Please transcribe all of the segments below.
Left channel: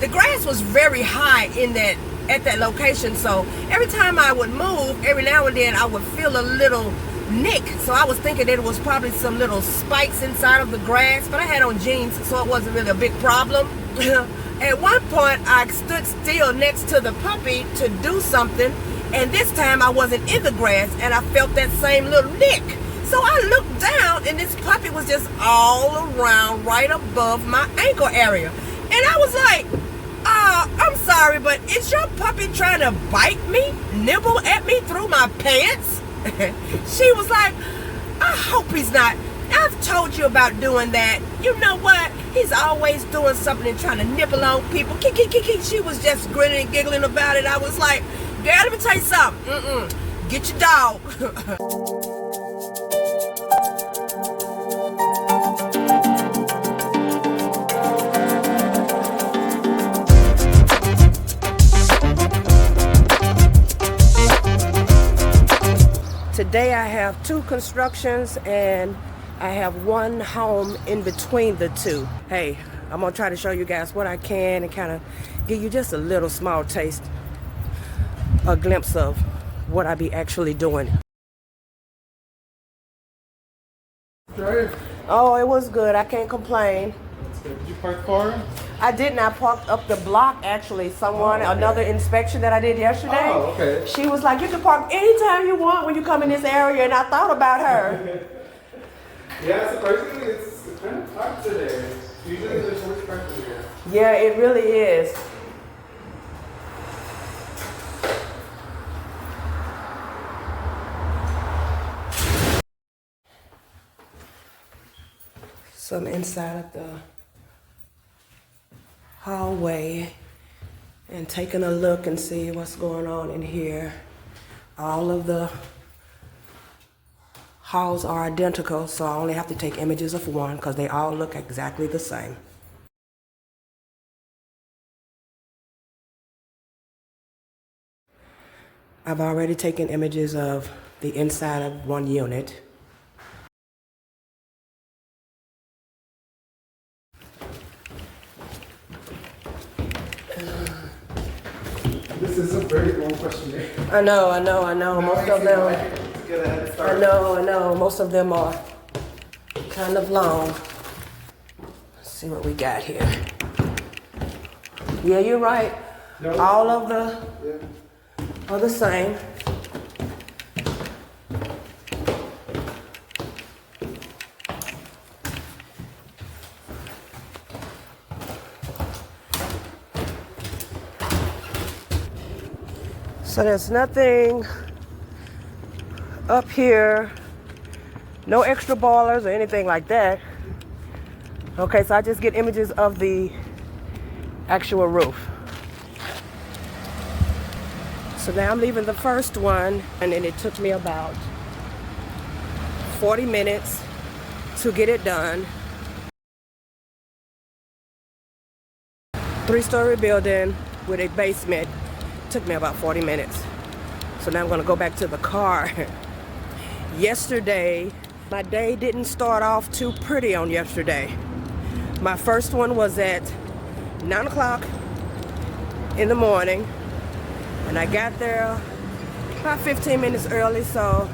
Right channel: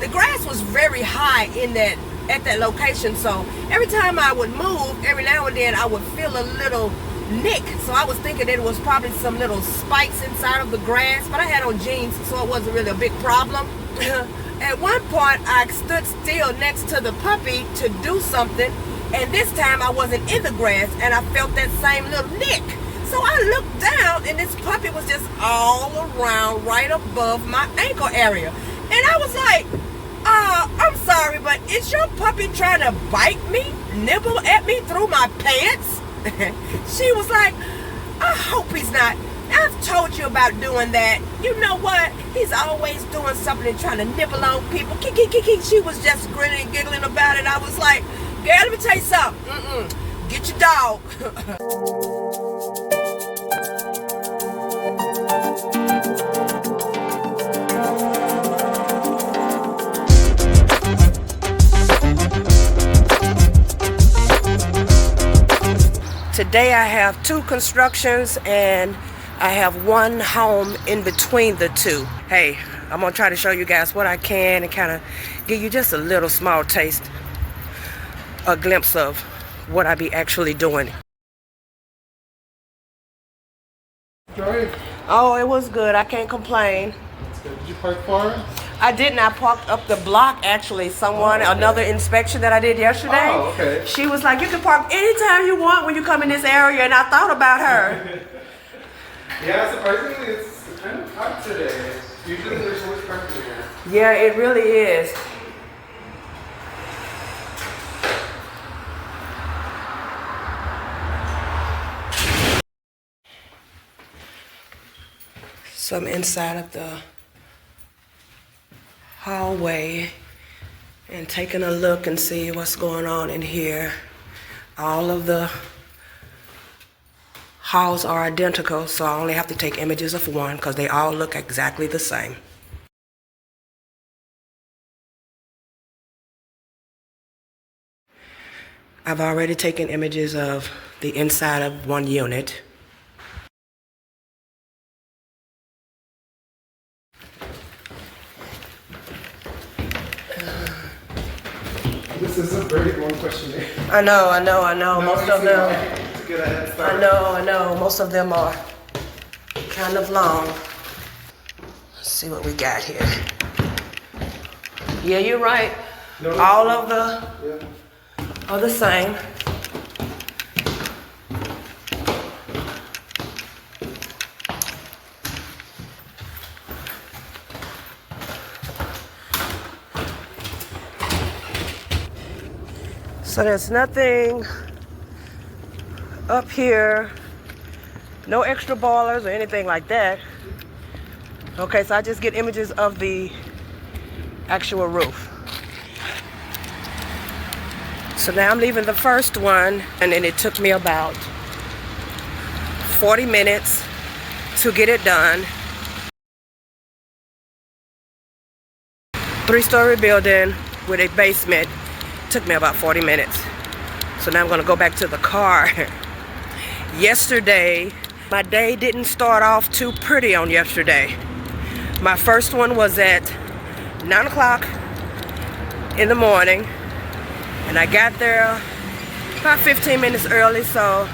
the grass was very high at that location. So every time I would move, every now and then I would feel a little nick. So I was thinking that it was probably some little spikes inside of the grass, but I had on jeans, so it wasn't really a big problem. At one point, I stood still next to the puppy to do something, and this time I wasn't in the grass, and I felt that same little nick. So I looked down, and this puppy was just all around right above my ankle area. And I was like, I'm sorry, but is your puppy trying to bite me, nibble at me through my pants? She was like, I hope he's not. I've told you about doing that. You know what? He's always doing something and trying to nibble on people. She was just grinning and giggling about it. I was like, girl, let me tell you something. Get your dog. Today I have 2 constructions and I have 1 home in between the 2. Hey, I'm gonna try to show you guys what I can and kind of give you just a little small taste, a glimpse of what I be actually doing. Right. Oh, it was good. I can't complain. That's good. Did you park far? I didn't. I parked up the block actually. Another inspection that I did yesterday. Oh, okay. She was like, you can park anytime you want when you come in this area, and I thought about her. Yeah, surprisingly, it's kind of packed today. Usually there's so much parking here. Yeah, it really is. So I'm inside of the hallway and taking a look and see what's going on in here. All of the halls are identical, so I only have to take images of one because they all look exactly the same. I've already taken images of the inside of one unit. This is a very long questionnaire. I know. Most of them. To get a head start. I know. Most of them are kind of long. Let's see what we got here. Yeah, you're right. No, all of the are the same. So there's nothing up here, no extra boilers or anything like that. Okay, so I just get images of the actual roof. So now I'm leaving the first one, and then it took me about 40 minutes to get it done. 3-story building with a basement. Took me about 40 minutes. So now I'm gonna go back to the car. Yesterday, my day didn't start off too pretty on yesterday. My first one was at 9 o'clock in the morning, and I got there about 15 minutes early. So,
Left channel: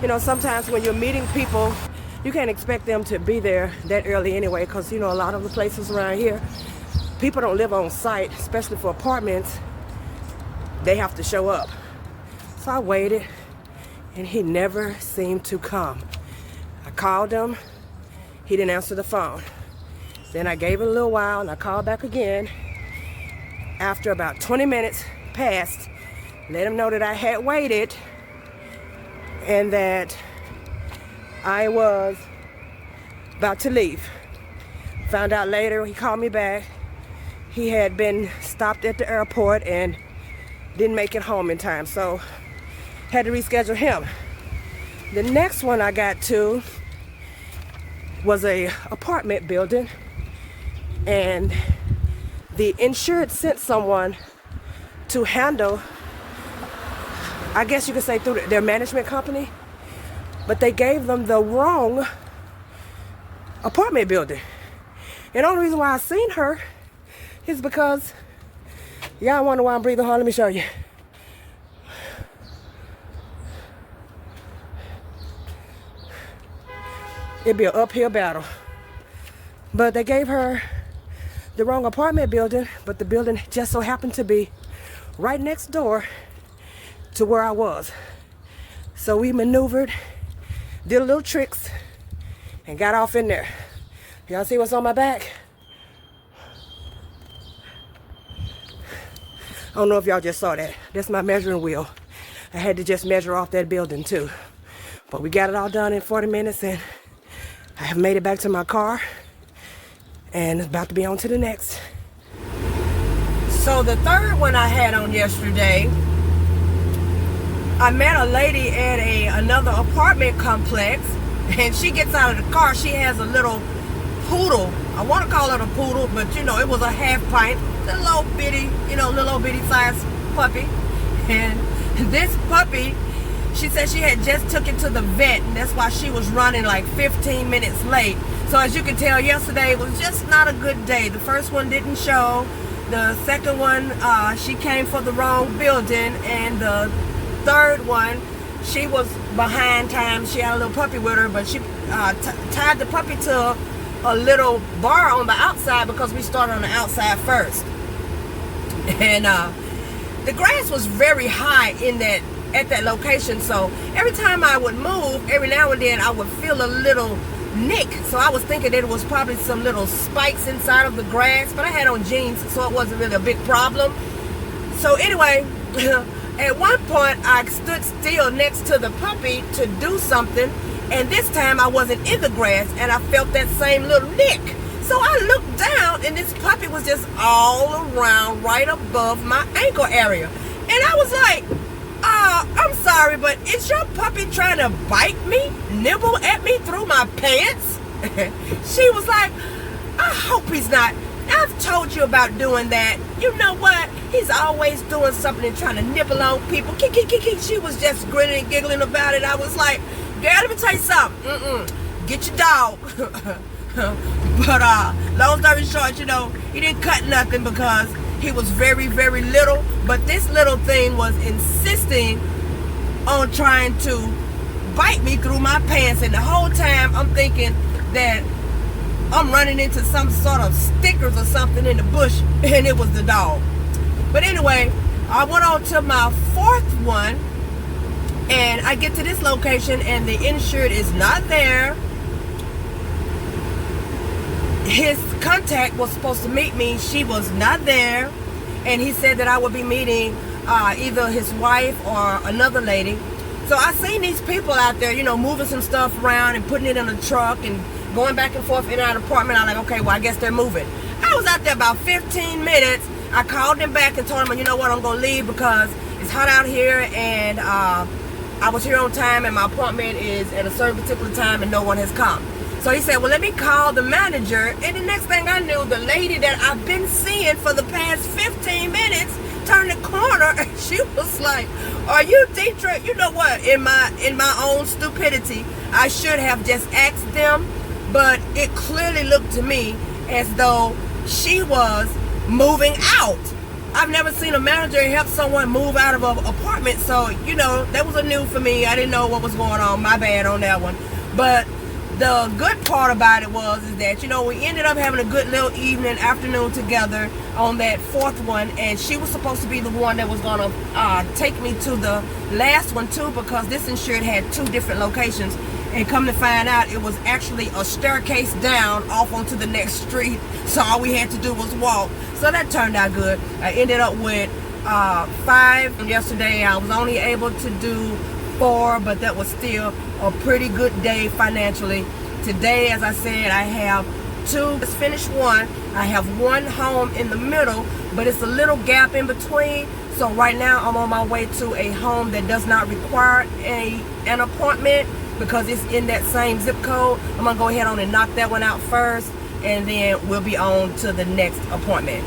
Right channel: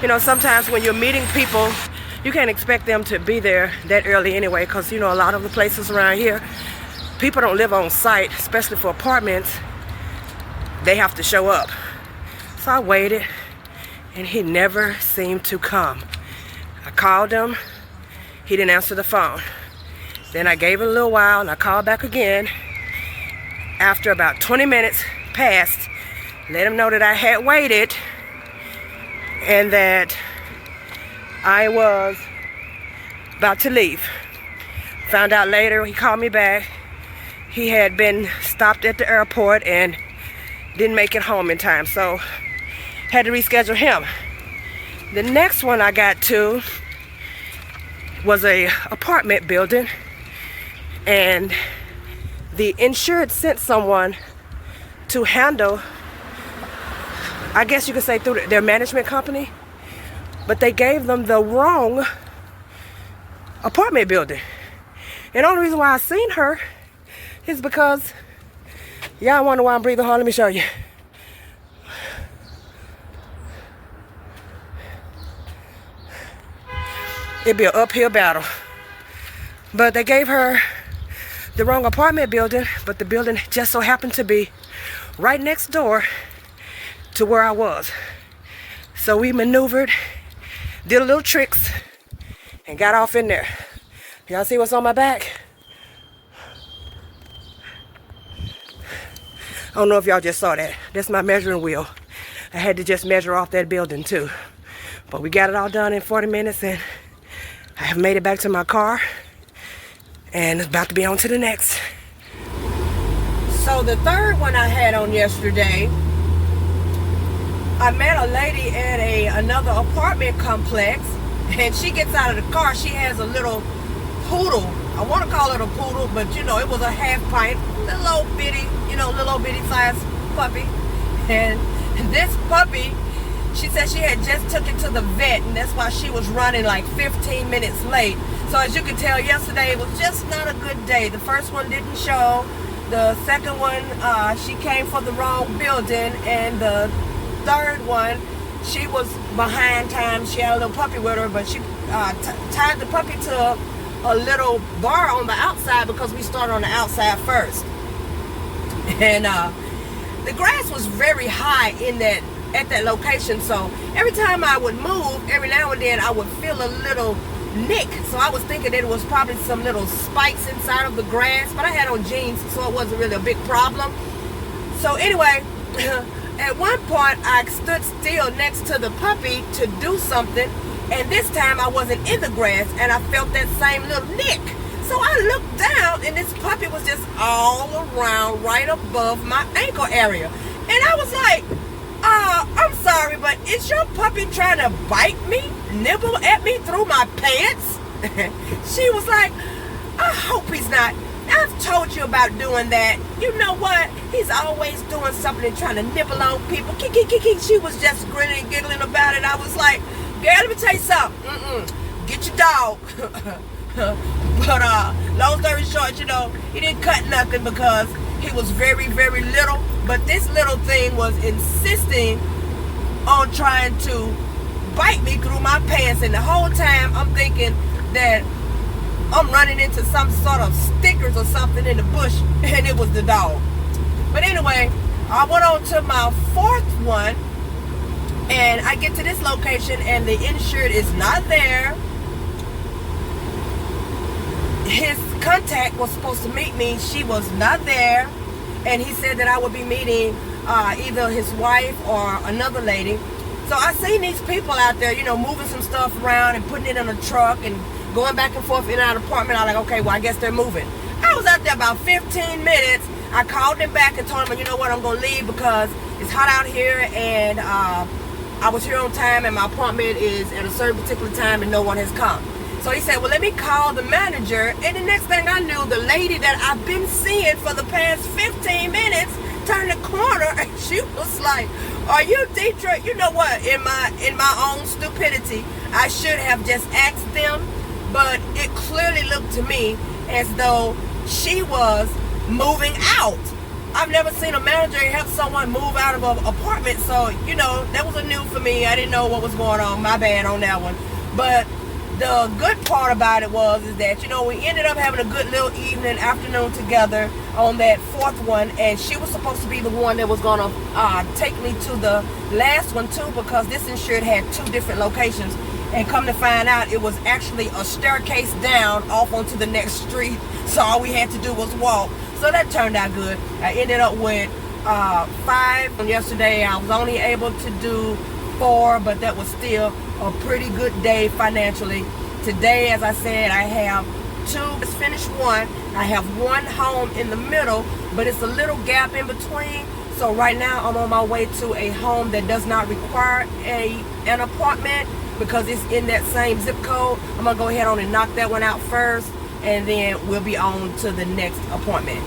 you know, sometimes when you're meeting people, you can't expect them to be there that early anyway, because, you know, a lot of the places around here, people don't live on site, especially for apartments. They have to show up. So I waited, and he never seemed to come. I called him, he didn't answer the phone. Then I gave it a little while, and I called back again. After about 20 minutes passed, let him know that I had waited and that I was about to leave. Found out later, he called me back. He had been stopped at the airport and didn't make it home in time, so had to reschedule him. The next one I got to was a apartment building, and the insured sent someone to handle, I guess you could say through their management company, but they gave them the wrong apartment building. And the only reason why I seen her, It's because y'all wonder why I'm breathing hard. Let me show you. It'd be an uphill battle. But they gave her the wrong apartment building, but the building just so happened to be right next door to where I was. So we maneuvered, did a little tricks, and got off in there. Y'all see what's on my back? I don't know if y'all just saw that. That's my measuring wheel. I had to just measure off that building too. But we got it all done in 40 minutes and I have made it back to my car and it's about to be on to the next. So the third one I had on yesterday, I met a lady at another apartment complex and she gets out of the car. She has a little poodle. I want to call it a poodle, but you know, it was a half pint, little bitty, little bitty size puppy. And this puppy, she said she had just took it to the vet and that's why she was running like 15 minutes late. So as you can tell, yesterday was just not a good day. The first one didn't show. The second one, she came for the wrong building. And the third one, she was behind time. She had a little puppy with her, but she tied the puppy to a little bar on the outside because we started on the outside first. And the grass was very high at that location, so every time I would move, every now and then I would feel a little nick. So I was thinking that it was probably some little spikes inside of the grass, but I had on jeans, so it wasn't really a big problem. So anyway, at one point I stood still next to the puppy to do something, and this time I wasn't in the grass and I felt that same little nick. So I looked down and this puppy was just all around right above my ankle area. And I was like, I'm sorry, but is your puppy trying to bite me, nibble at me through my pants? She was like, I hope he's not. I've told you about doing that. You know what? He's always doing something and trying to nibble on people. She was just grinning and giggling about it. I was like, girl, let me tell you something. Get your dog. But long story short, he didn't cut nothing because he was very, very little. But this little thing was insisting on trying to bite me through my pants. And the whole time I'm thinking that I'm running into some sort of stickers or something in the bush, and it was the dog. But anyway, I went on to my fourth one, and I get to this location, and the insured is not there. His contact was supposed to meet me. She was not there, and he said that I would be meeting either his wife or another lady. So I seen these people out there, moving some stuff around and putting it in a truck and going back and forth in and out of the apartment. I was like, okay, well, I guess they're moving. I was out there about 15 minutes. I called them back and told them, you know what, I'm going to leave because it's hot out here and I was here on time and my appointment is at a certain particular time and no one has come. So he said, well, let me call the manager. And the next thing I knew, the lady that I've been seeing for the past 15 minutes turned the corner and she was like, are you Deidre? You know what? In my own stupidity, I should have just asked them, but it clearly looked to me as though she was moving out. I've never seen a manager help someone move out of an apartment, so that was a new for me. I didn't know what was going on. My bad on that one. But the good part about it is that we ended up having a good little afternoon together on that fourth one, and she was supposed to be the one that was gonna take me to the last one too, because this insured had 2 different locations, and come to find out it was actually a staircase down off onto the next street, so all we had to do was walk. So that turned out good. I ended up with 5 yesterday. I was only able to do 4, but that was still a pretty good day financially. Today, as I said, I have 2. Just finished 1. I have 1 home in the middle, but it's a little gap in between. So right now, I'm on my way to a home that does not require an appointment because it's in that same zip code. I'm gonna go ahead on and knock that one out first, and then we'll be on to the next appointment.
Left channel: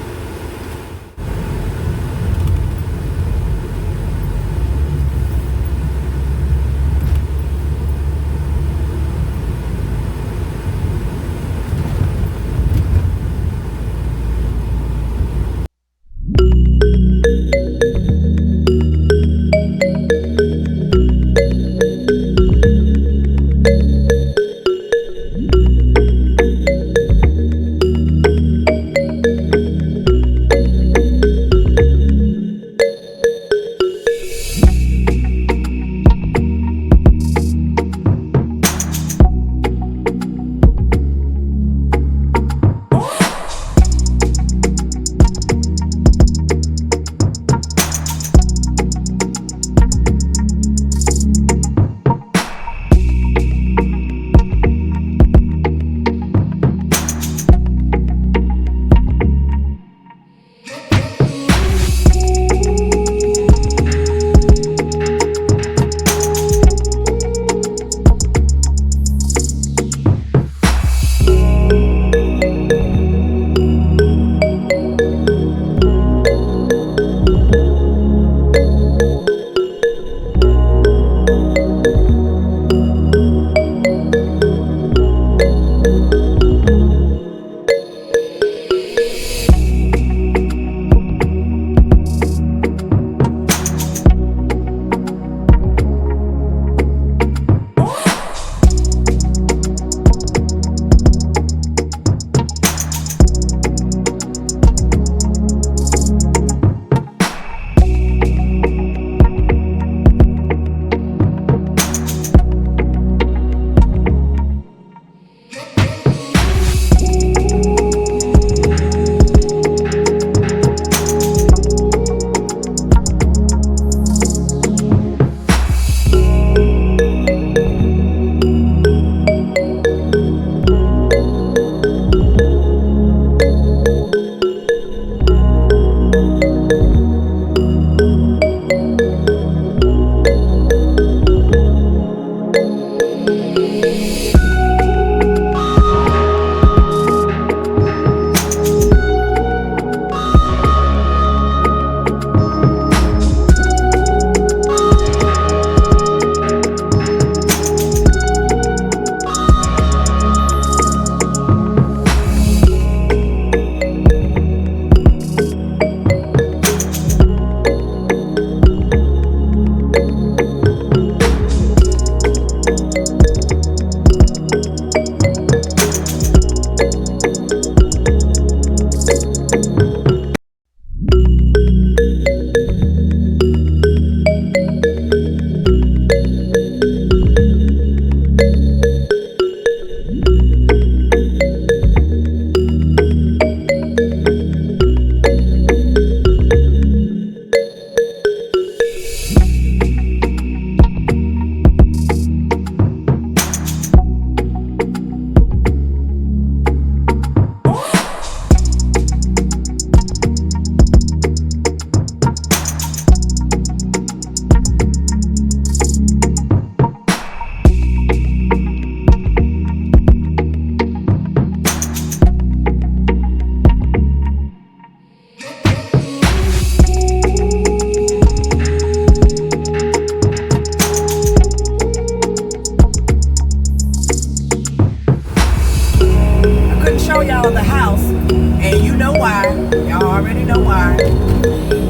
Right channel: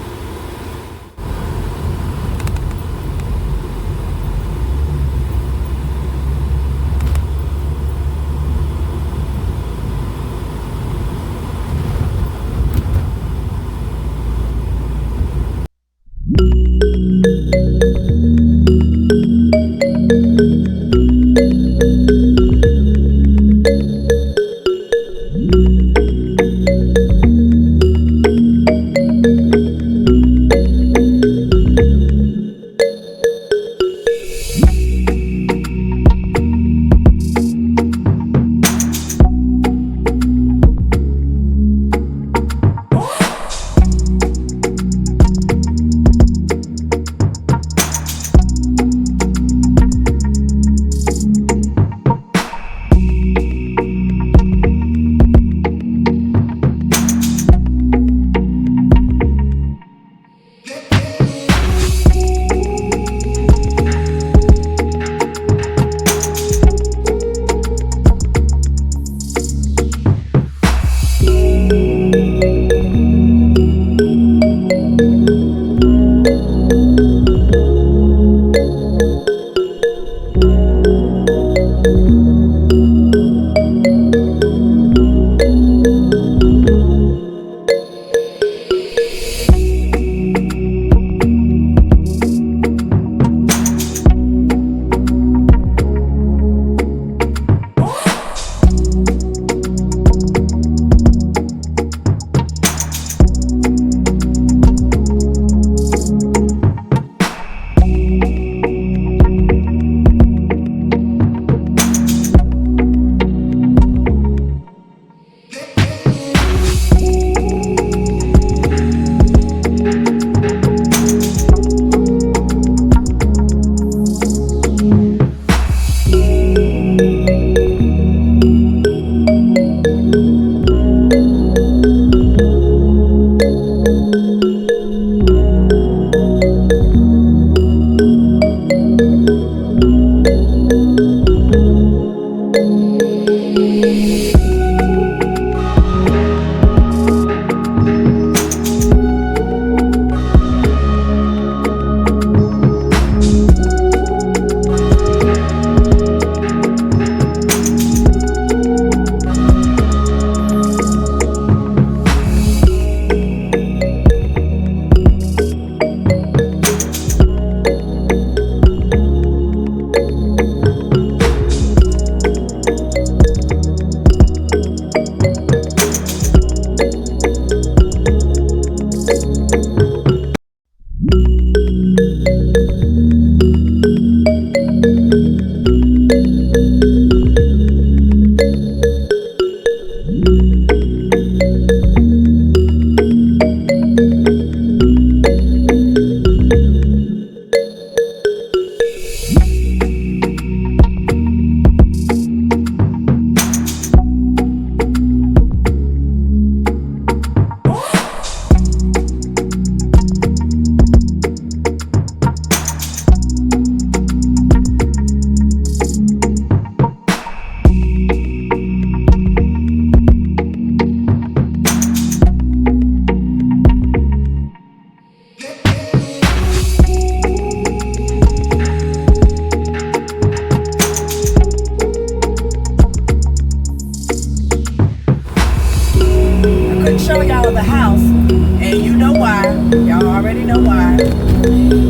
know why.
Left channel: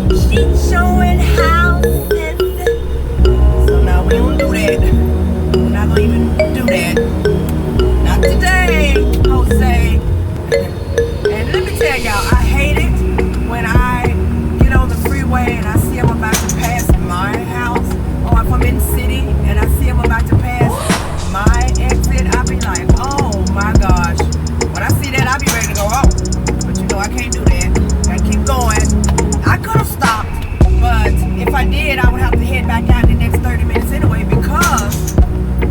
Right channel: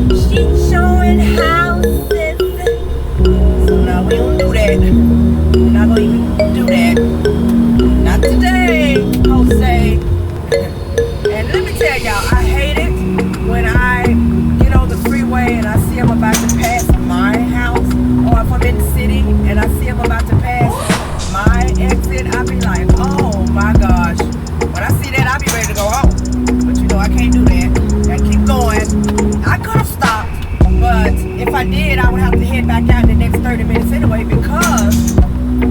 She's showing houses. So no, we don't do that. We're not gonna even do that. Not today, Jose. And let me tell y'all, I hate it when I get on the freeway and I see I'm about to pass my house, or if I'm in the city and I see I'm about to pass my exit, I be like, oh my gosh. When I see that, I be ready to go home. But you know, I can't do that. I keep going. I could have stopped, but if I did, I would have to head back out in the next 30 minutes anyway, because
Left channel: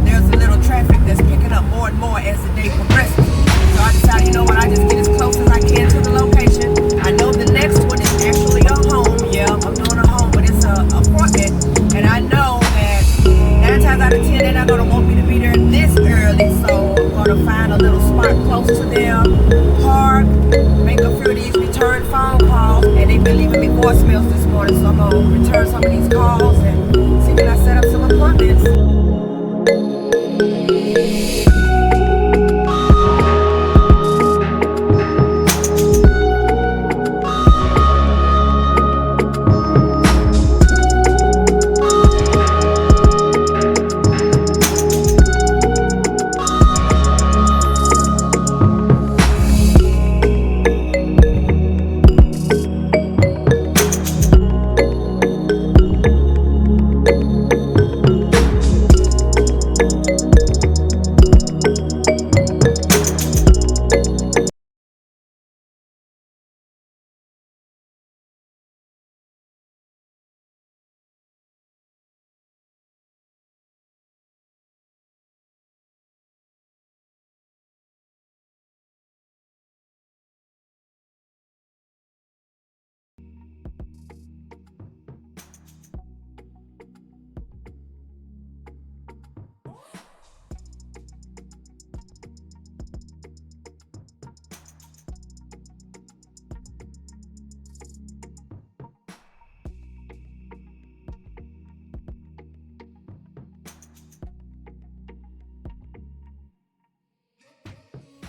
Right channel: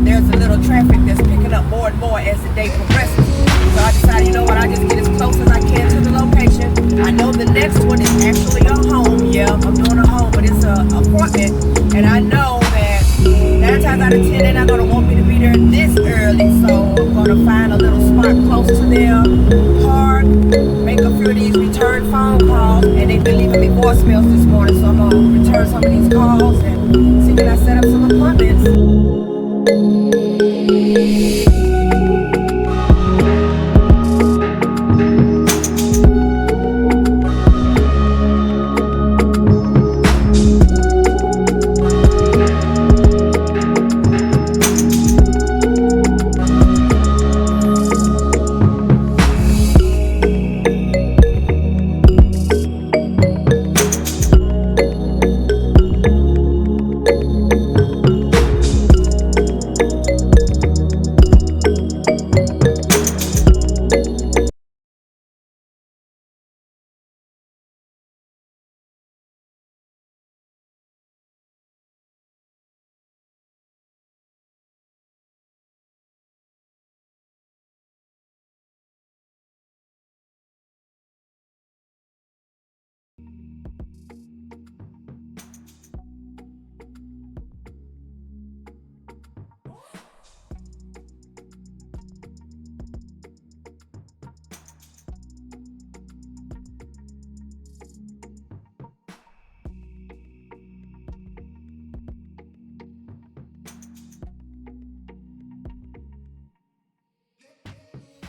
there's a little traffic that's picking up more and more as the day progresses. So I decided, you know what, I just get as close as I can to the location. I know the next one is actually a home. Yeah, I'm doing a home, but it's an appointment. And I know that 9 times out of 10, they're not going to want me to be there this early. So I'm going to find a little spot close to them, park, make a few of these return phone calls. And they've been leaving me voicemails this morning, so I'm going to return some of these calls and see can I set up some appointments.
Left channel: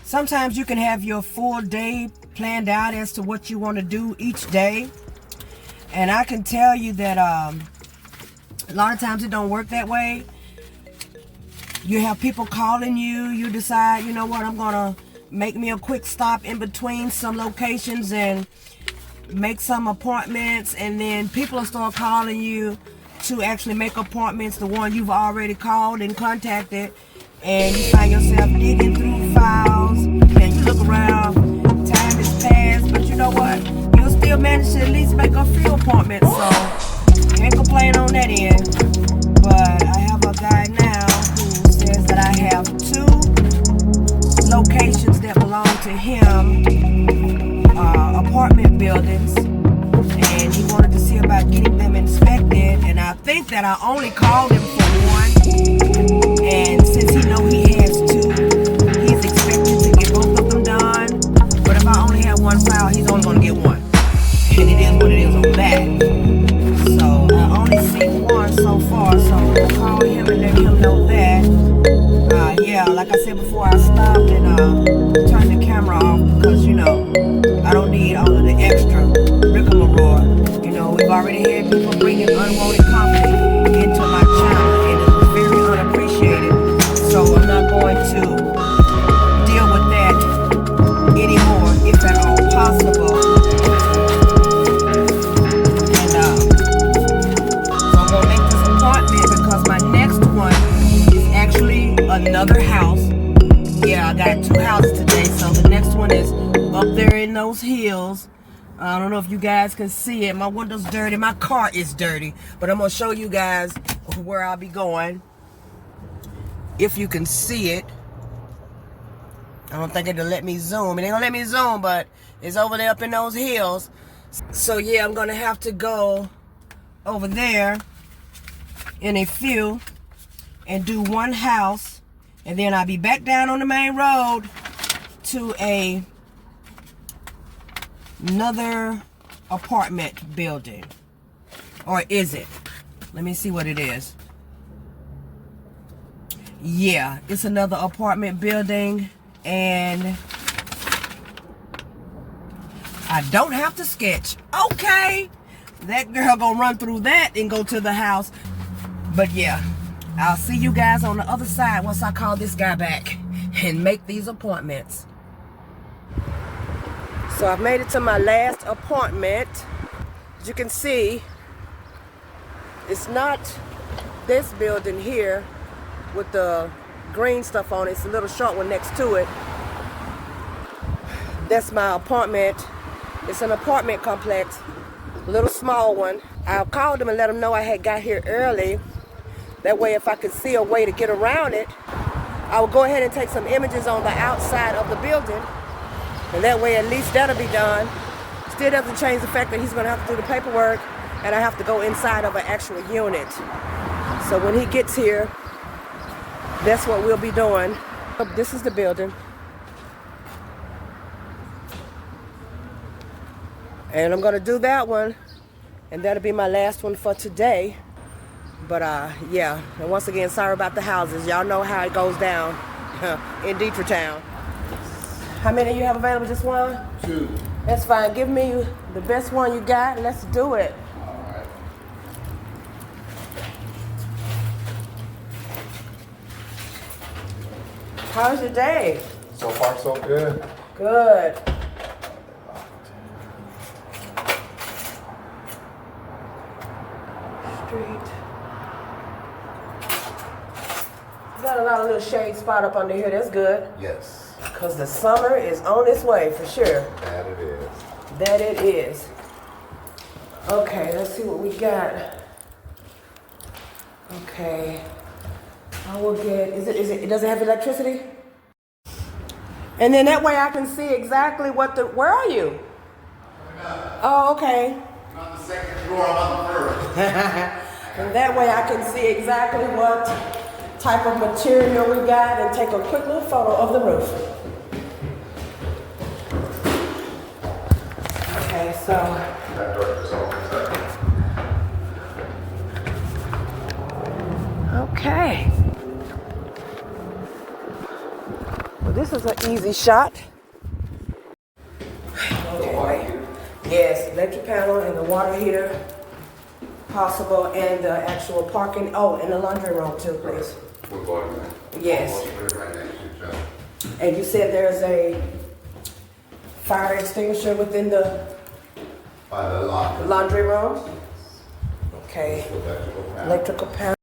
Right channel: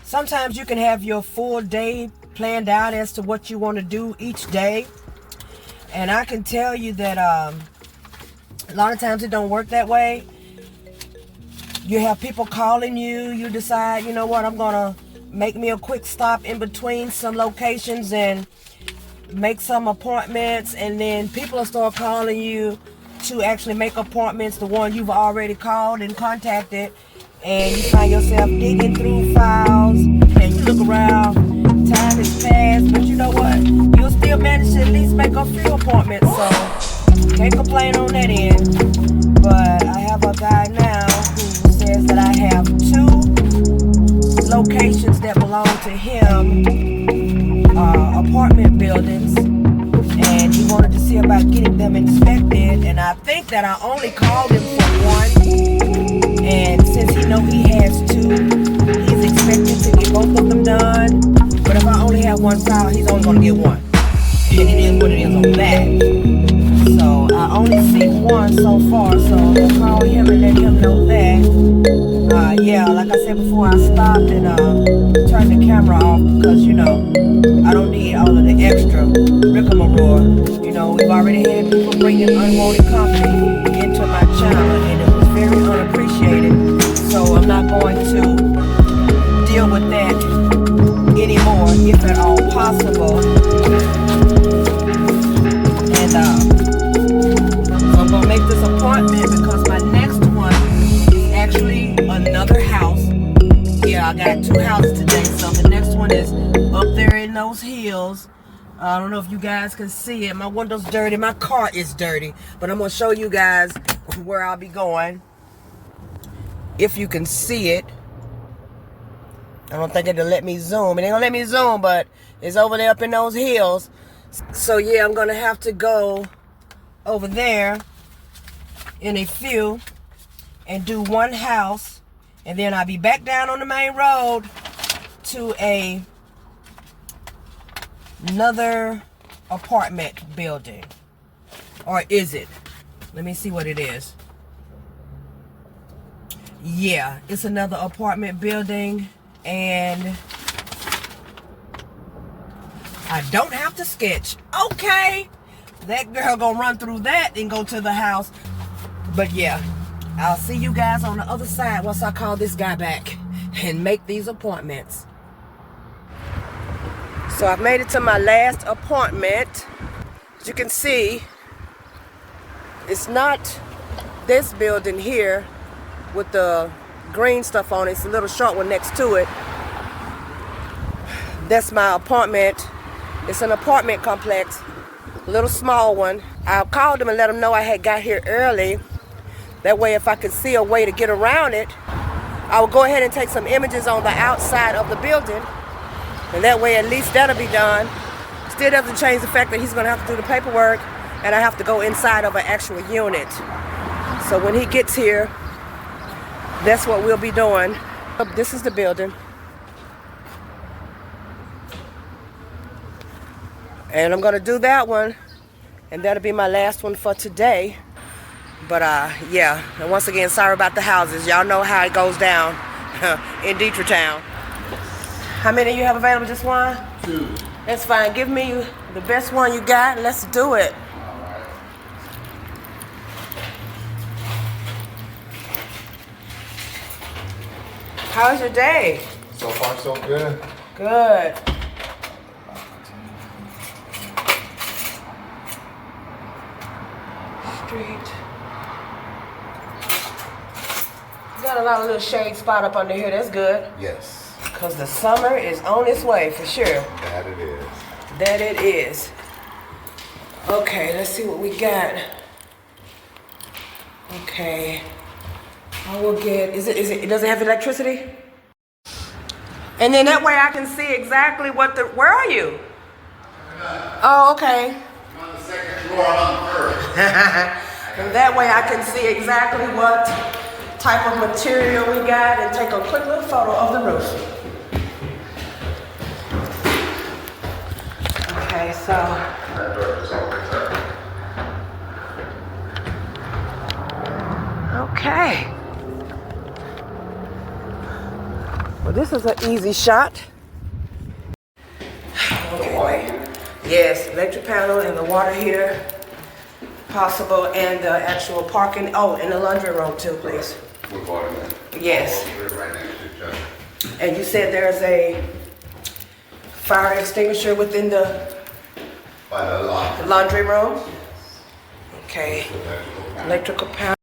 Sometimes you can have your full day planned out as to what you want to do each day. And I can tell you that a lot of times it don't work that way. You have people calling you. You decide, you know what, I'm going to make me a quick stop in between some locations and make some appointments. And then people will start calling you to actually make appointments, the one you've already called and contacted. And you find yourself digging through files and you look around, time has passed, but you know what? You'll still manage to at least make a few appointments, so can't complain on that end. But I have a guy now who says that I have 2 locations that belong to him, apartment buildings, and he wanted to see about getting them inspected, and I think that I only called him for one. And since he know he has 2, he's expected to get both of them done. But if I only have one file, he's only going to get one. And it is what it is on that. So I only see one so far. So I'll call him and let him know that. Yeah, like I said before, I stopped and turned the camera off because, you know, I don't need all of the extra rigmarole. You know, we've already had people bringing unwanted company into my channel, and it was very unappreciated. So I'm not going to deal with that anymore, if at all possible. And so I'm gonna make this appointment because my next one is actually another house. Yeah, I got 2 houses today, so the next one is up there in those hills. I don't know if you guys can see it. My window's dirty. My car is dirty. But I'm going to show you guys where I'll be going. If you can see it. I don't think it'll let me zoom. It ain't going to let me zoom, but it's over there up in those hills. So, yeah, I'm going to have to go over there in a few and do one house. And then I'll be back down on the main road to another apartment building. Or is it? Let me see what it is. Yeah, it's another apartment building, and I don't have to sketch. Okay. That girl gonna run through that and go to the house. But yeah, I'll see you guys on the other side once I call this guy back and make these appointments. So I've made it to my last appointment. As you can see, it's not this building here with the green stuff on it. It's a little short one next to it. That's my apartment. It's an apartment complex, a little small one. I called them and let them know I had got here early. That way, if I could see a way to get around it, I would go ahead and take some images on the outside of the building. And that way, at least that'll be done. Still doesn't change the fact that he's gonna have to do the paperwork and I have to go inside of an actual unit. So when he gets here, that's what we'll be doing. This is the building. And I'm gonna do that one, and that'll be my last one for today. But yeah, and once again, sorry about the houses. Y'all know how it goes down in Detroit Town. How many of you have available? Just one? 2. That's fine. Give me the best one you got. Let's do it. How's your day? So far, so good. Good. Street. Got a lot of little shade spot up under here. That's good. Yes. Because the summer is on its way for sure. That it is. That it is. Okay, let's see what we got. Okay. I will get, it doesn't have electricity? And then that way I can see exactly where are you? Oh, okay. I'm on the second floor, I'm on the first. And that way I can see exactly what type of material we got and take a quick little photo of the roof. Okay, so. Okay. Well, this is an easy shot. Okay, wait. Yes, electric panel and the water heater, possible, and the actual parking. Oh, and the laundry room too, please. With water. Yes. Right next to each other. And you said there's a fire extinguisher within the By the laundry. laundry room? Okay. Electrical panel.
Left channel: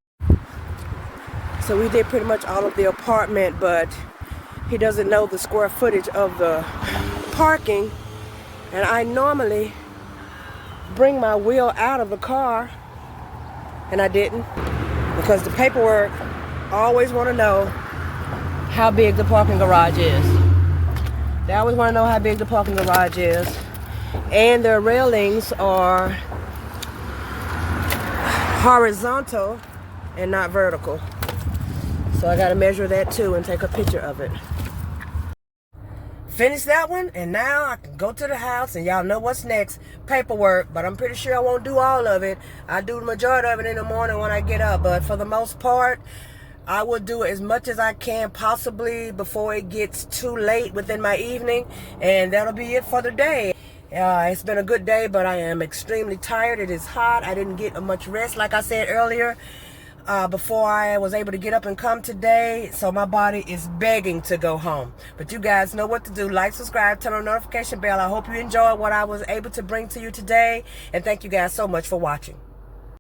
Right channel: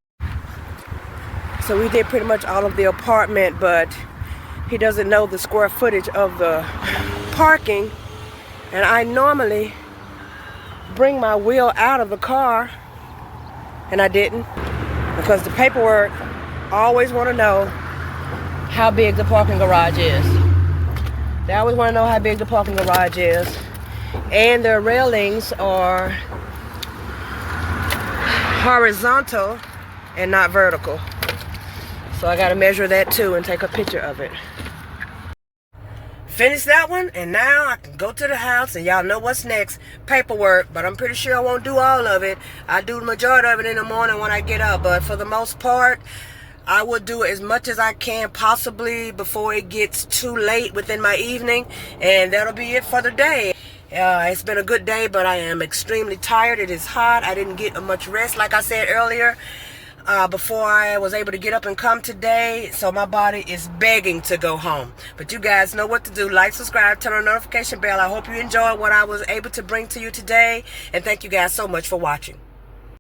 So we did pretty much all of the apartment, but he doesn't know the square footage of the parking. And I normally bring my wheel out of the car, and I didn't, because the paperwork always want to know how big the parking garage is. They always want to know how big the parking garage is. And the railings are horizontal and not vertical. So I got to measure that too and take a picture of it. Finish that one, and now I can go to the house, and y'all know what's next. Paperwork, but I'm pretty sure I won't do all of it. I do the majority of it in the morning when I get up, but for the most part, I will do as much as I can possibly before it gets too late within my evening, and that'll be it for the day. It's been a good day, but I am extremely tired. It is hot. I didn't get much rest, like I said earlier, before I was able to get up and come today. So my body is begging to go home. But you guys know what to do. Like, subscribe, turn on the notification bell. I hope you enjoyed what I was able to bring to you today. And thank you guys so much for watching.